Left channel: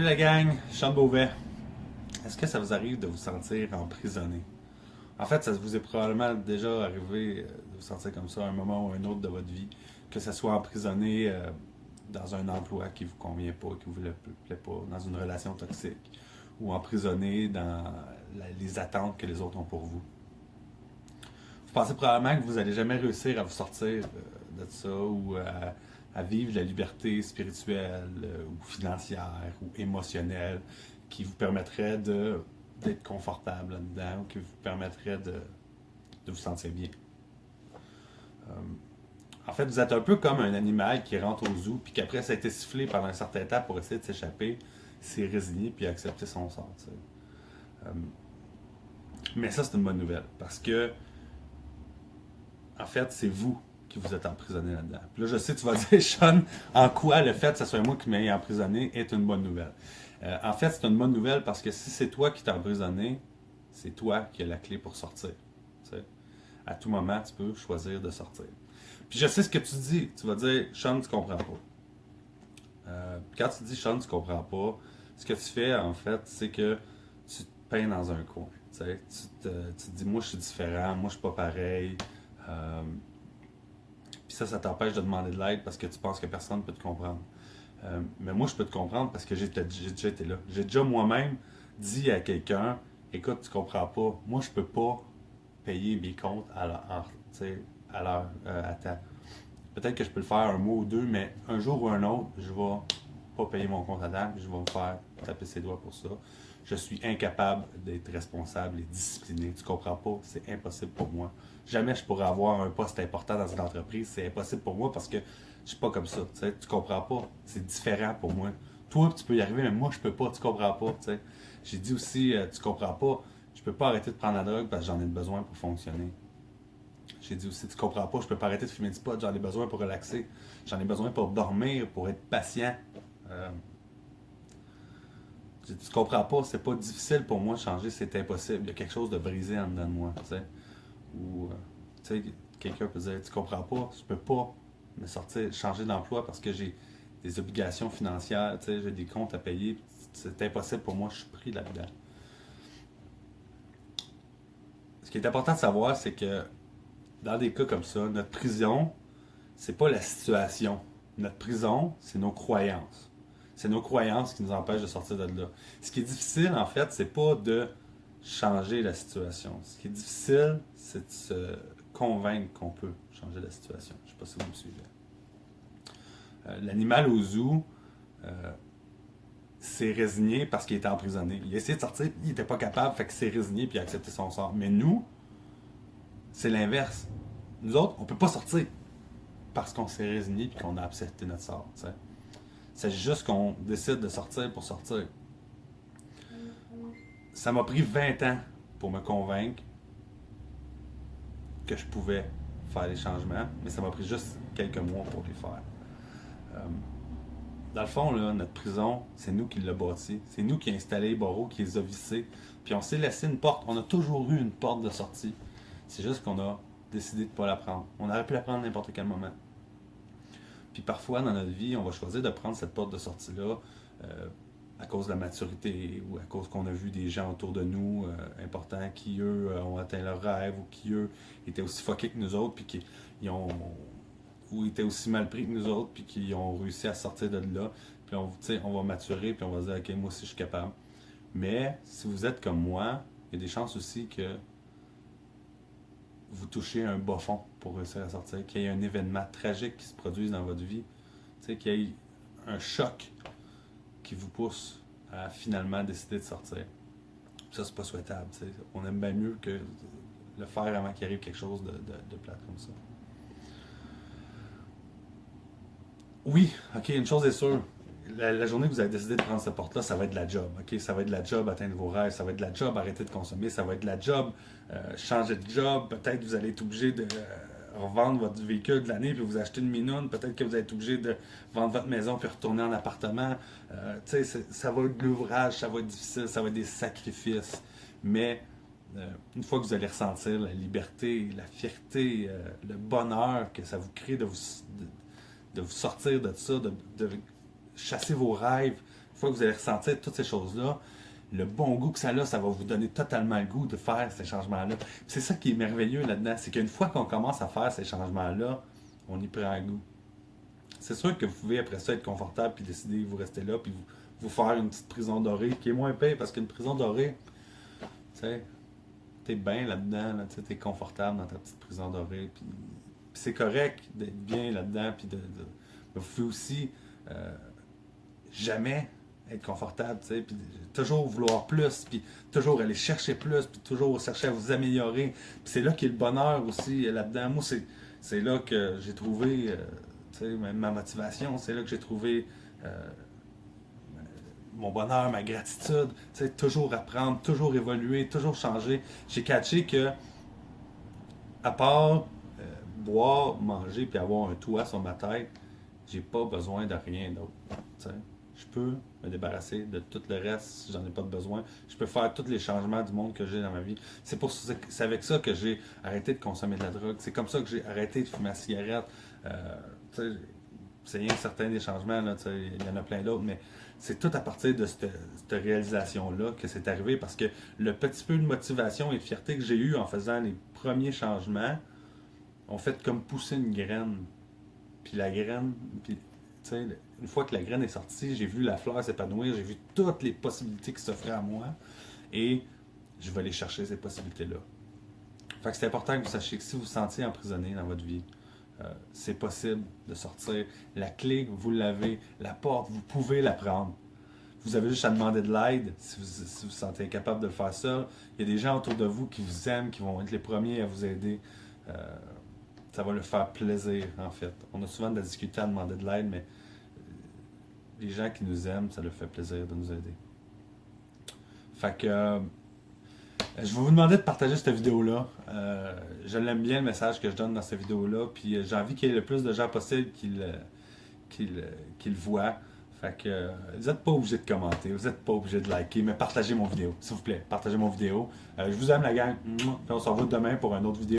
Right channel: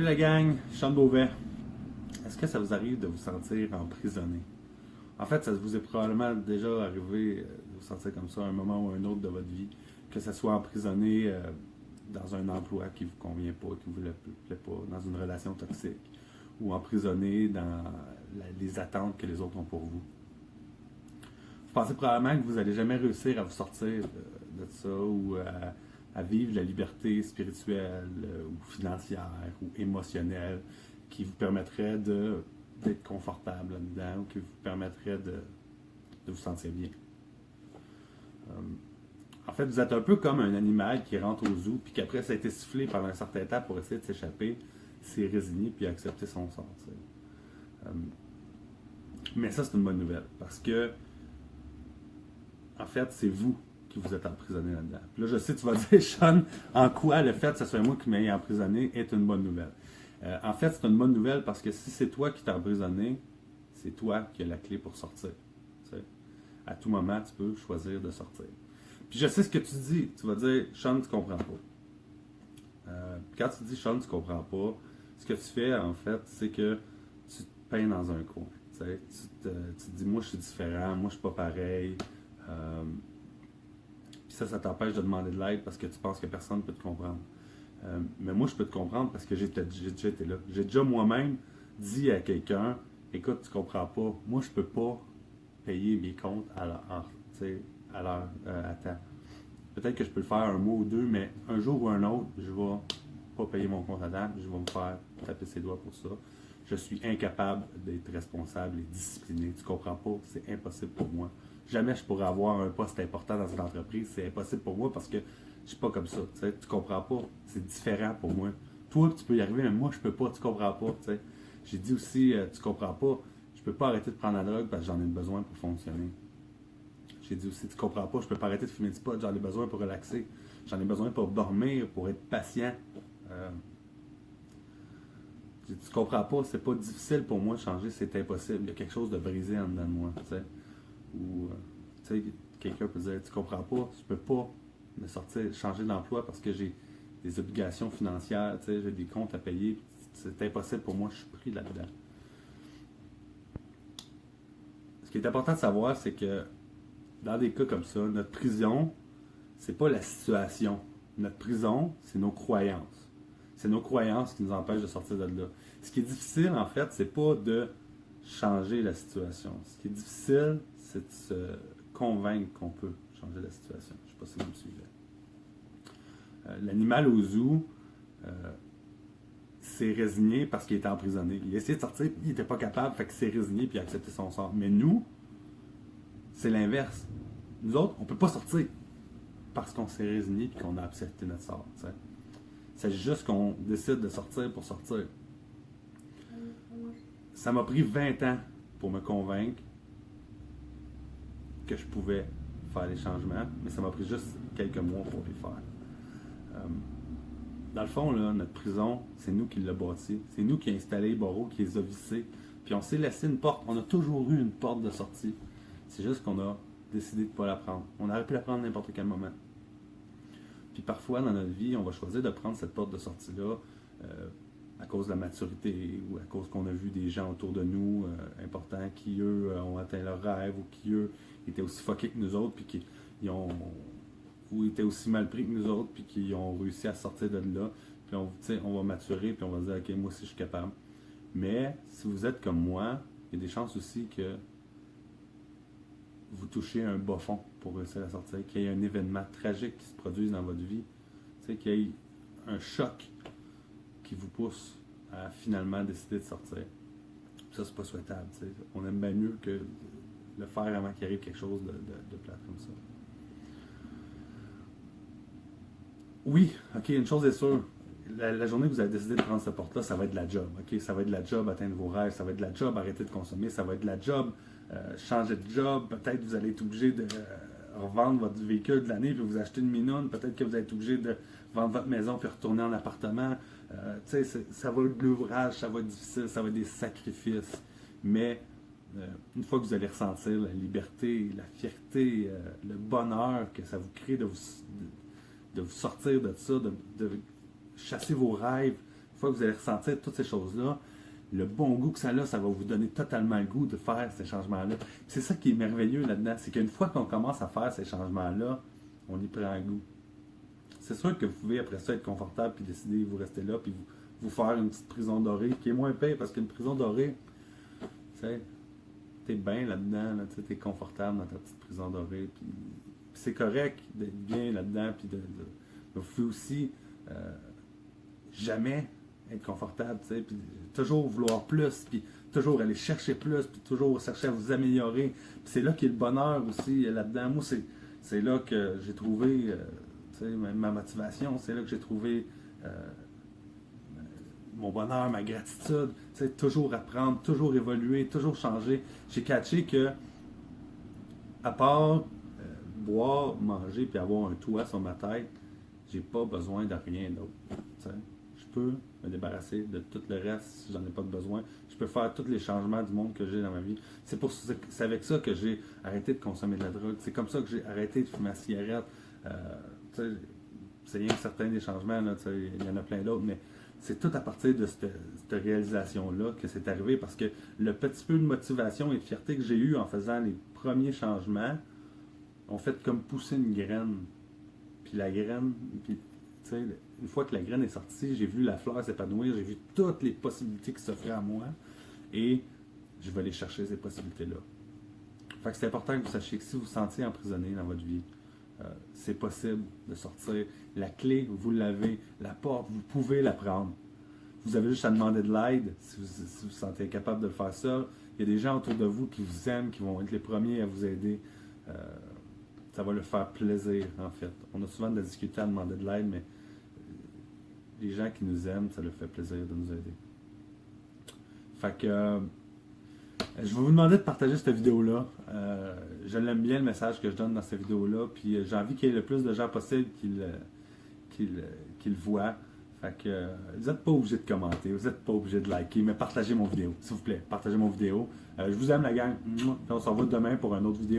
Salut la gang, Sean Beauvais. Est-ce que ça vous arrive de vous sentir emprisonné? En fait, ça vous est probablement déjà arrivé de vous sentir comme ça à un moment ou à un autre de votre vie, que ça soit emprisonné dans un emploi qui ne vous convient pas, qui ne vous plaît pas, dans une relation toxique, ou emprisonné dans les attentes que les autres ont pour vous. Vous pensez probablement que vous n'allez jamais réussir à vous sortir de ça ou à vivre la liberté spirituelle ou financière ou émotionnelle qui vous permettrait d'être confortable là-dedans ou qui vous permettrait de vous sentir bien. En fait, vous êtes un peu comme un animal qui rentre au zoo puis qu'après ça a été sifflé pendant un certain temps pour essayer de s'échapper, s'est résigné puis accepter son sort. Mais ça, c'est une bonne nouvelle parce que en fait, c'est vous qui vous êtes emprisonné là-dedans. Puis là, je sais, tu vas dire, Sean, en quoi le fait que ce soit moi qui m'ai emprisonné est une bonne nouvelle. En fait, c'est une bonne nouvelle parce que si c'est toi qui t'es emprisonné, c'est toi qui as la clé pour sortir. Tu sais. À tout moment, tu peux choisir de sortir. Puis je sais ce que tu dis. Tu vas dire, Sean, tu comprends pas. Quand tu dis, Sean, tu comprends pas, ce que tu fais, en fait, c'est que tu te peins dans un coin. Tu sais. Tu te dis, moi, je suis différent, moi, je suis pas pareil. Puis ça t'empêche de demander de l'aide parce que tu penses que personne ne peut te comprendre. Mais moi, je peux te comprendre parce que j'ai déjà été là. J'ai déjà moi-même dit à quelqu'un, écoute, tu comprends pas, moi, je peux pas payer mes comptes à l'heure, à temps. Peut-être que je peux le faire un mois ou deux, mais un jour ou un autre, je vais pas payer mon compte à temps, je vais me faire taper ses doigts pour ça. Je suis incapable d'être responsable et discipliné. Tu comprends pas? C'est impossible pour moi. Jamais je pourrais avoir un poste important dans une entreprise. C'est impossible pour moi parce que je suis pas comme ça. Tu comprends pas? C'est différent pour moi. Toi, tu peux y arriver, mais moi, je peux pas. Tu comprends pas? T'sais. J'ai dit aussi, tu comprends pas? Je peux pas arrêter de prendre la drogue parce que j'en ai besoin pour fonctionner. J'ai dit aussi, tu comprends pas? Je peux pas arrêter de fumer du pot. J'en ai besoin pour relaxer. J'en ai besoin pour dormir, pour être patient. Tu comprends pas, c'est pas difficile pour moi de changer, c'est impossible. Il y a quelque chose de brisé en dedans de moi. T'sais. Ou quelqu'un peut dire, tu comprends pas, je peux pas me sortir, changer d'emploi parce que j'ai des obligations financières, j'ai des comptes à payer. C'est impossible pour moi, je suis pris là-dedans. Ce qui est important de savoir, c'est que dans des cas comme ça, notre prison, c'est pas la situation. Notre prison, c'est nos croyances. C'est nos croyances qui nous empêchent de sortir de là. Ce qui est difficile, en fait, c'est pas de changer la situation. Ce qui est difficile, c'est de se convaincre qu'on peut changer la situation. Je ne sais pas si vous me suivez. L'animal au zoo s'est résigné parce qu'il était emprisonné. Il a essayé de sortir, il n'était pas capable, fait qu'il s'est résigné et il a accepté son sort. Mais nous, c'est l'inverse. Nous autres, on ne peut pas sortir parce qu'on s'est résigné et qu'on a accepté notre sort. T'sais. C'est juste qu'on décide de sortir pour sortir. Ça m'a pris 20 ans pour me convaincre que je pouvais faire les changements, mais ça m'a pris juste quelques mois pour les faire. Dans le fond, là, notre prison, c'est nous qui l'avons bâti. C'est nous qui avons installé les barreaux, qui les a vissés. Puis on s'est laissé une porte. On a toujours eu une porte de sortie. C'est juste qu'on a décidé de ne pas la prendre. On aurait pu la prendre à n'importe quel moment. Puis parfois, dans notre vie, on va choisir de prendre cette porte de sortie-là à cause de la maturité ou à cause qu'on a vu des gens autour de nous importants qui, eux, ont atteint leurs rêves ou qui, eux, étaient aussi fuckés que nous autres puis qui ou étaient aussi mal pris que nous autres puis qui ont réussi à sortir de là. Puis on va maturer puis on va se dire, OK, moi aussi, je suis capable. Mais si vous êtes comme moi, il y a des chances aussi que vous touchez un bas fond pour réussir à sortir, qu'il y ait un événement tragique qui se produise dans votre vie, qu'il y ait un choc qui vous pousse à finalement décider de sortir. Puis ça, c'est pas souhaitable. T'sais. On aime bien mieux que le faire avant qu'il arrive quelque chose de plate comme ça. Oui, ok, une chose est sûre. La journée que vous avez décidé de prendre cette porte-là, ça va être de la job. Okay? Ça va être de la job atteindre vos rêves, ça va être de la job arrêter de consommer, ça va être de la job changer de job. Peut-être que vous allez être obligé de revendre votre véhicule de l'année puis vous acheter une minoune. Peut-être que vous allez être obligé de vendre votre maison puis retourner en appartement. Ça va être de l'ouvrage, ça va être difficile, ça va être des sacrifices. Mais une fois que vous allez ressentir la liberté, la fierté, le bonheur que ça vous crée de vous sortir de ça, de chasser vos rêves, fois que vous allez ressentir toutes ces choses-là, le bon goût que ça a, ça va vous donner totalement le goût de faire ces changements-là. C'est ça qui est merveilleux là-dedans, c'est qu'une fois qu'on commence à faire ces changements-là, on y prend un goût. C'est sûr que vous pouvez après ça être confortable puis décider de vous rester là puis vous faire une petite prison dorée qui est moins pire parce qu'une prison dorée, tu sais, t'es bien là-dedans, là, t'es confortable dans ta petite prison dorée puis c'est correct d'être bien là-dedans puis vous pouvez aussi jamais être confortable, tu sais, puis toujours vouloir plus, puis toujours aller chercher plus, puis toujours chercher à vous améliorer. Puis c'est là qu'est le bonheur aussi là-dedans. Moi, c'est là que j'ai trouvé tu sais, ma motivation, c'est là que j'ai trouvé mon bonheur, ma gratitude, tu sais, toujours apprendre, toujours évoluer, toujours changer. J'ai catché que, à part boire, manger, puis avoir un toit sur ma tête, j'ai pas besoin de rien d'autre. Tu sais. Je peux me débarrasser de tout le reste si j'en ai pas de besoin. Je peux faire tous les changements du monde que j'ai dans ma vie. C'est avec ça que j'ai arrêté de consommer de la drogue. C'est comme ça que j'ai arrêté de fumer la cigarette. C'est rien que certains des changements, là, il y en a plein d'autres, mais c'est tout à partir de cette réalisation-là que c'est arrivé parce que le petit peu de motivation et de fierté que j'ai eu en faisant les premiers changements ont fait comme pousser une graine. Puis la graine, puis tu sais, une fois que la graine est sortie, j'ai vu la fleur s'épanouir, j'ai vu toutes les possibilités qui s'offraient à moi et je vais aller chercher ces possibilités-là. Fait que c'est important que vous sachiez que si vous vous sentiez emprisonné dans votre vie, c'est possible de sortir. La clé, vous l'avez. La porte, vous pouvez la prendre. Vous avez juste à demander de l'aide si vous vous sentez incapable de le faire seul. Il y a des gens autour de vous qui vous aiment, qui vont être les premiers à vous aider. Ça va leur faire plaisir, en fait. On a souvent de la difficulté à demander de l'aide, mais les gens qui nous aiment, ça leur fait plaisir de nous aider. Fait que je vais vous demander de partager cette vidéo-là. Je l'aime bien le message que je donne dans cette vidéo-là, puis j'ai envie qu'il y ait le plus de gens possible qui le voient. Fait que vous n'êtes pas obligé de commenter, vous n'êtes pas obligé de liker, mais partagez mon vidéo, s'il vous plaît. Partagez mon vidéo. Je vous aime la gang. Puis on se revoit demain pour une autre vidéo.